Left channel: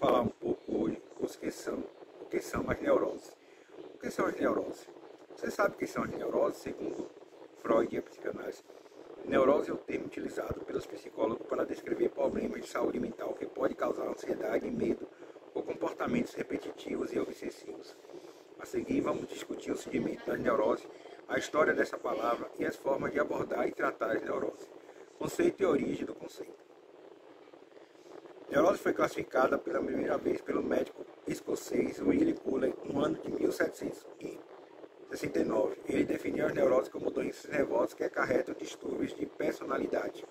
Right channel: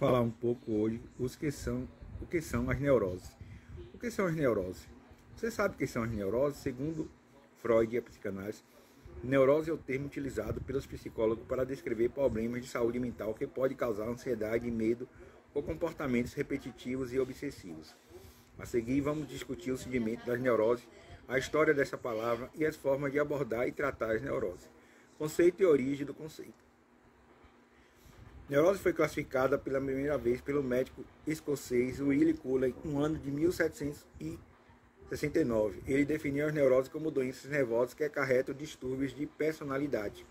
falar um pouco hoje o que são as neuroses. O que são as neuroses? Você sabe o que são as neuroses? Segundo Freud e a psicanálise, neurose é o termo utilizado pelos psicólogos para descrever problemas de saúde mental que pode causar ansiedade, medo ou comportamentos repetitivos e obsessivos. A seguir, vamos discutir o surgimento das neuroses, a história dessa palavra e as formas de abordar e tratar as neuroses. Conceito e origem do conceito. Neurose foi classificada pela primeira vez pelo médico escocês Willie Cullen no ano de 1769. Ele definiu as neuroses como doenças nervosas que acarretam distúrbios de personalidade.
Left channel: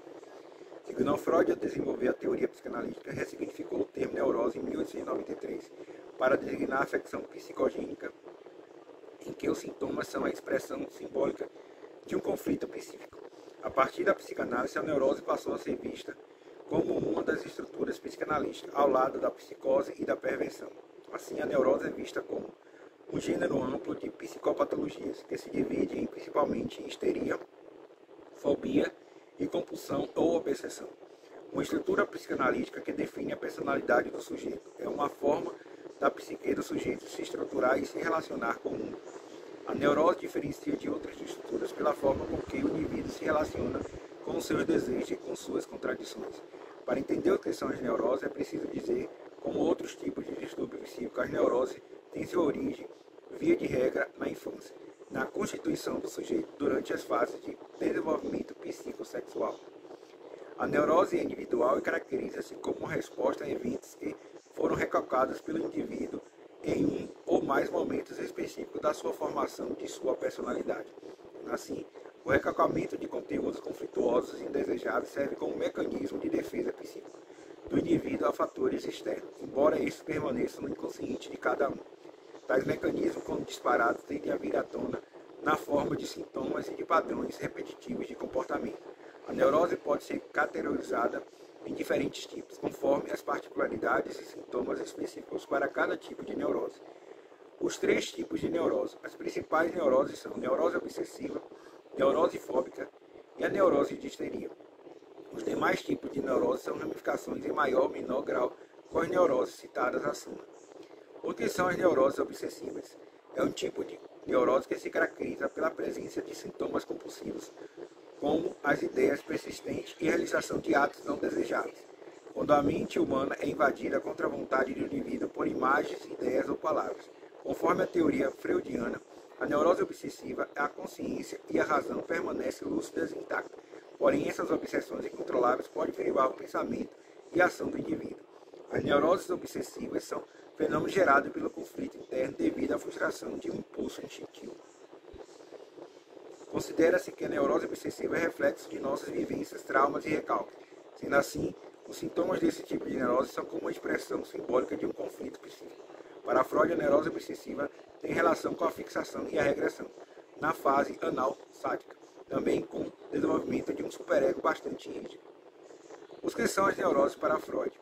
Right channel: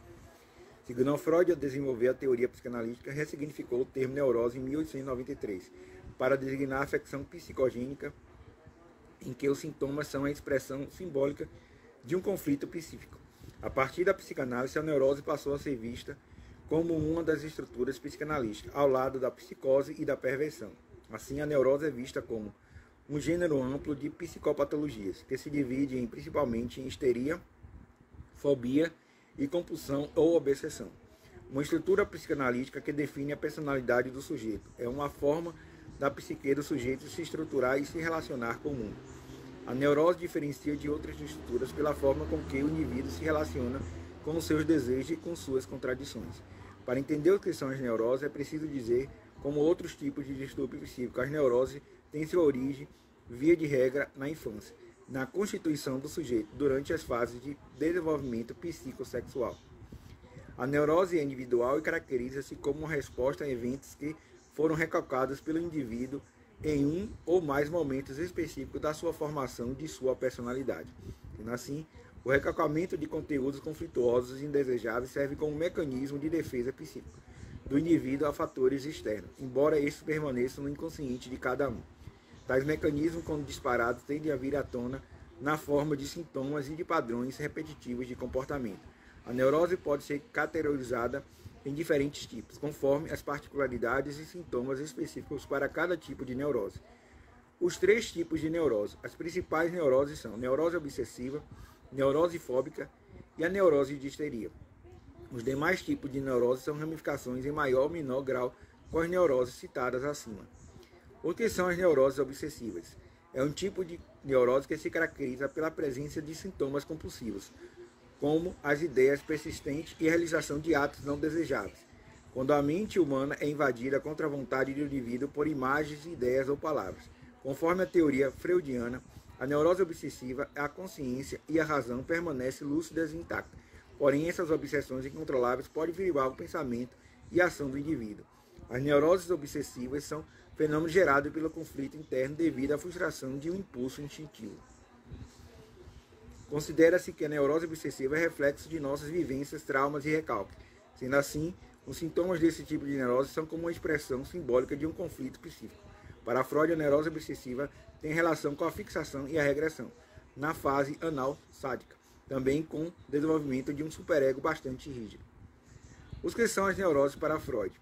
Segundo Freud, ao desenvolver a teoria psicanalítica, ressignificou o termo neurose em 1893 para designar a afecção psicogênica em que os sintomas são a expressão simbólica de um conflito psíquico. A partir da psicanálise, a neurose passou a ser vista como uma das estruturas psicanalísticas, ao lado da psicose e da perversão. Assim, a neurose é vista como um gênero amplo de psicopatologias, que se divide principalmente em histeria, fobia e compulsão ou obsessão. Uma estrutura psicanalítica que define a personalidade do sujeito. É uma forma da psique do sujeito se estruturar e se relacionar com o mundo. A neurose diferencia de outras estruturas pela forma com que o indivíduo se relaciona com os seus desejos e com suas contradições. Para entender o que são as neuroses, é preciso dizer, como outros tipos de distúrbio psíquico, as neuroses têm sua origem, via de regra, na infância, na constituição do sujeito, durante as fases de desenvolvimento psicossexual. A neurose é individual e caracteriza-se como uma resposta a eventos que foram recalcados pelo indivíduo em um ou mais momentos específicos da sua formação de sua personalidade. Assim, o recalcamento de conteúdos conflituosos e indesejáveis serve como mecanismo de defesa psíquica do indivíduo a fatores externos, embora estes permaneçam no inconsciente de cada um. Tais mecanismos, quando disparados, tendem a vir à tona na forma de sintomas e de padrões repetitivos de comportamento. A neurose pode ser categorizada em diferentes tipos, conforme as particularidades e sintomas específicos para cada tipo de neurose. Os três tipos de neurose. As principais neuroses são neurose obsessiva, neurose fóbica e a neurose de histeria. Os demais tipos de neurose são ramificações em maior ou menor grau com as neuroses citadas acima. O que são as neuroses obsessivas? É um tipo de neurose que se caracteriza pela presença de sintomas compulsivos, como as ideias persistentes e a realização de atos não desejáveis, quando a mente humana é invadida contra a vontade do indivíduo por imagens, ideias ou palavras. Conforme a teoria freudiana, a neurose obsessiva, a consciência e a razão permanecem lúcidas e intactas. Porém, essas obsessões incontroláveis podem derivar o pensamento e a ação do indivíduo. As neuroses obsessivas são fenômenos gerados pelo conflito interno devido à frustração de um impulso instintivo. Considera-se que a neurose obsessiva é reflexo de nossas vivências, traumas e recalques. Sendo assim, os sintomas desse tipo de neurose são como uma expressão simbólica de um conflito psíquico. Para Freud, a neurose obsessiva tem relação com a fixação e a regressão, na fase anal sádica, também com o desenvolvimento de um superego bastante rígido. Os que são as neuroses para Freud?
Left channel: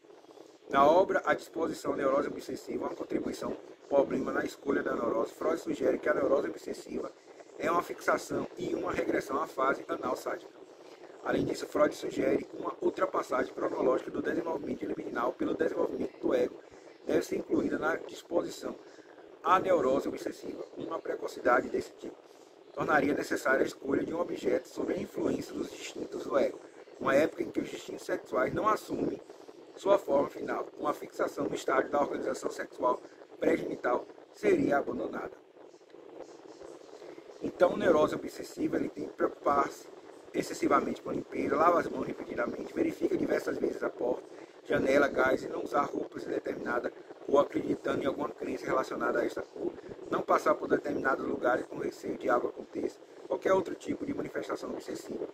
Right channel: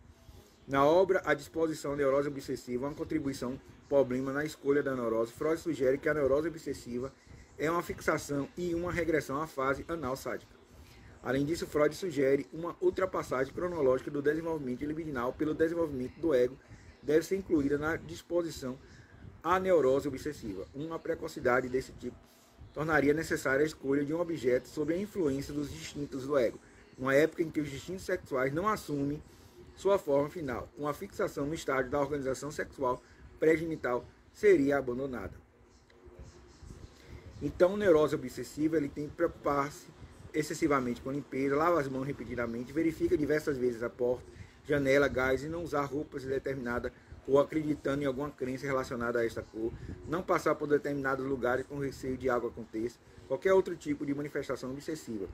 Na obra A Disposição à Neurose Obsessiva, uma contribuição problema na escolha da neurose, Freud sugere que a neurose obsessiva é uma fixação e uma regressão à fase anal sádica. Além disso, Freud sugere uma ultrapassagem cronológica do desenvolvimento libidinal pelo desenvolvimento do ego, deve ser incluída na disposição à neurose obsessiva. Uma precocidade desse tipo tornaria necessária a escolha de um objeto sob a influência dos instintos do ego, uma época em que os instintos sexuais não assumem sua forma final. Uma fixação no estágio da organização sexual pré-genital seria abandonada. Então, a neurose obsessiva ele tem que preocupar-se excessivamente com a limpeza, lava as mãos repetidamente, verifica diversas vezes a porta, janela, gás e não usar roupas de determinada cor, acreditando em alguma crença relacionada a essa cor, não passar por determinados lugares com receio de algo aconteça, qualquer outro tipo de manifestação obsessiva,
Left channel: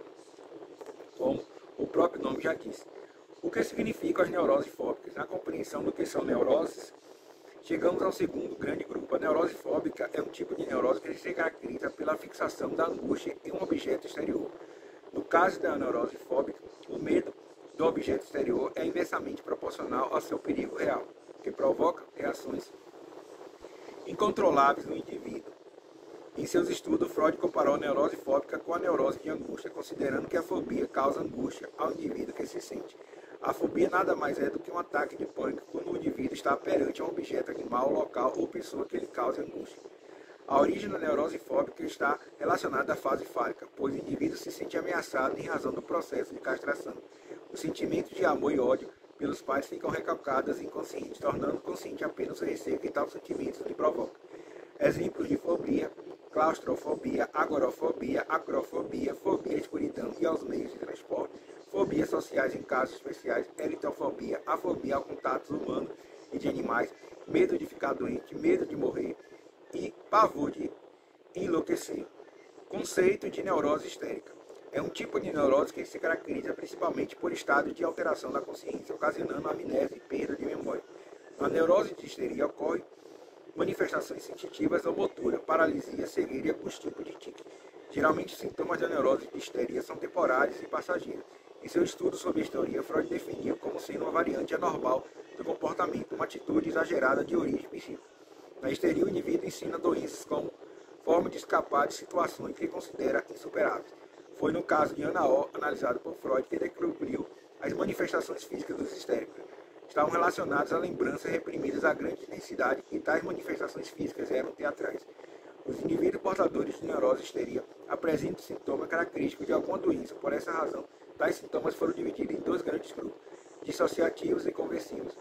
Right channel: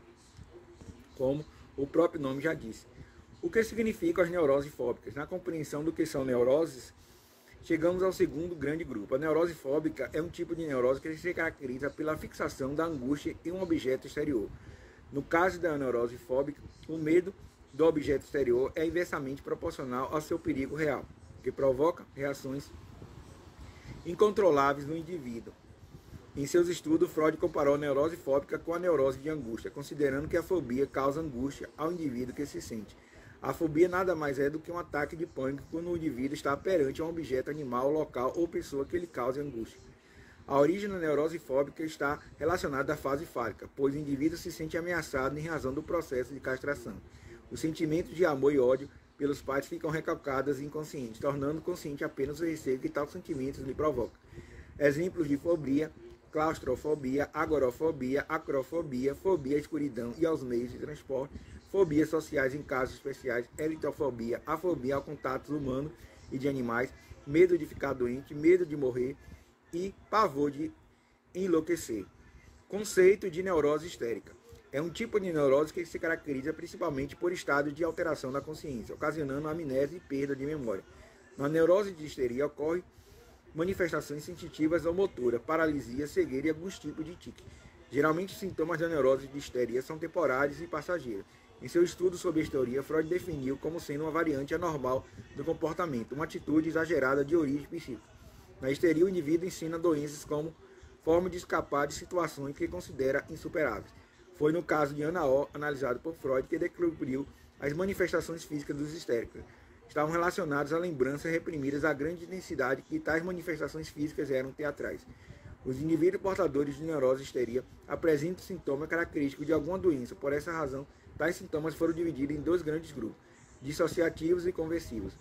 como o próprio nome já disse. O que significam as neuroses fóbicas? Na compreensão do que são neuroses, chegamos ao segundo grande grupo. A neurose fóbica é um tipo de neurose que se caracteriza pela fixação da angústia em um objeto exterior. No caso da neurose fóbica, o medo do objeto exterior é inversamente proporcional ao seu perigo real, que provoca reações incontroláveis no indivíduo. Em seus estudos, Freud comparou a neurose fóbica com a neurose de angústia, considerando que a fobia causa angústia ao indivíduo que se sente. A fobia nada mais é do que um ataque de pânico quando o indivíduo está perante a um objeto, animal, local ou pessoa que lhe cause angústia. A origem da neurose fóbica está relacionada à fase fálica, pois o indivíduo se sente ameaçado em razão do processo de castração. Os sentimentos de amor e ódio pelos pais ficam recalcados e inconscientes, tornando consciente apenas o receio que tal sentimento lhe provoca. Exemplos de fobia: claustrofobia, agorafobia, acrofobia, fobia à escuridão e aos meios de transporte, fobias sociais em casos especiais, eritrofobia, afobia ao contato humano e de animais, medo de ficar doente, medo de morrer e pavor de enlouquecer. Conceito de neurose histérica. É um tipo de neurose que se caracteriza principalmente por estado de alteração da consciência, ocasionando amnésia e perda de memória. Na neurose de histeria ocorrem manifestações sensitivas ou motoras, paralisia, cegueira e alguns tipos de tique. Geralmente, os sintomas da neurose de histeria são temporários e passageiros. Em seu estudo sobre a histeria, Freud definiu como sendo uma variante anormal do comportamento, uma atitude exagerada de origem psíquica. Na histeria, o indivíduo ensina doenças como forma de escapar de situações que considera insuperáveis. Foi no caso de Ana O, analisado por Freud, que descobriu as manifestações físicas dos histéricos. Estavam relacionadas a lembranças reprimidas a grande intensidade e tais manifestações físicas eram teatrais. Os indivíduos portadores de neurose histeria apresentam sintomas característicos de alguma doença. Por essa razão, tais sintomas foram divididos em dois grandes grupos, dissociativos e conversivos.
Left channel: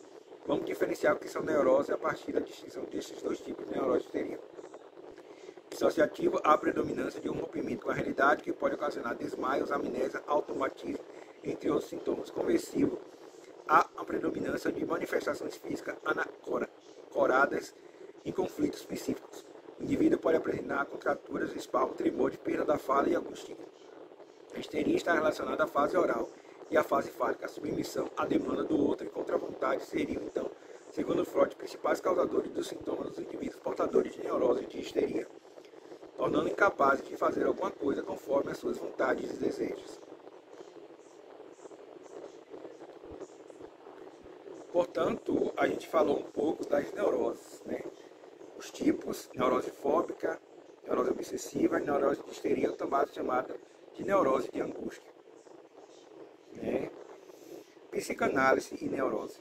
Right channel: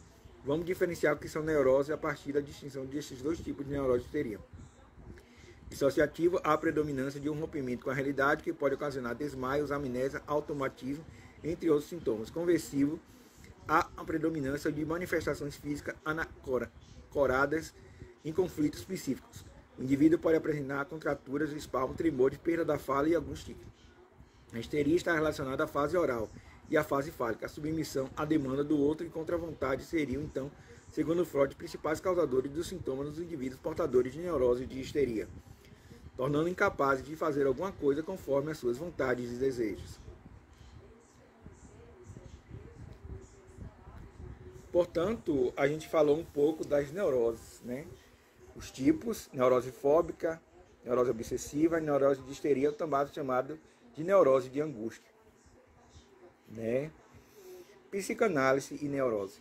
Vamos diferenciar o que são neuroses a partir da distinção desses dois tipos de neurose histeria. Dissociativo, há a predominância de um rompimento com a realidade que pode ocasionar desmaios, amnésia, automatismo, entre outros sintomas. Conversivo, há a predominância de manifestações físicas anacoradas em conflitos específicos. O indivíduo pode apresentar contraturas, espasmo, tremor de perda da fala e alguns tiques. A histeria está relacionada à fase oral e à fase fálica. A submissão à demanda do outro e contra a vontade seriam, então, segundo Freud, principais causadores dos sintomas dos indivíduos portadores de neurose de histeria, tornando incapazes de fazer alguma coisa conforme as suas vontades e desejos. Portanto, a gente falou um pouco das neuroses, né? Os tipos: neurose fóbica, neurose obsessiva e neurose de histeria, também chamada de neurose de angústia, né? Psicanálise e neurose.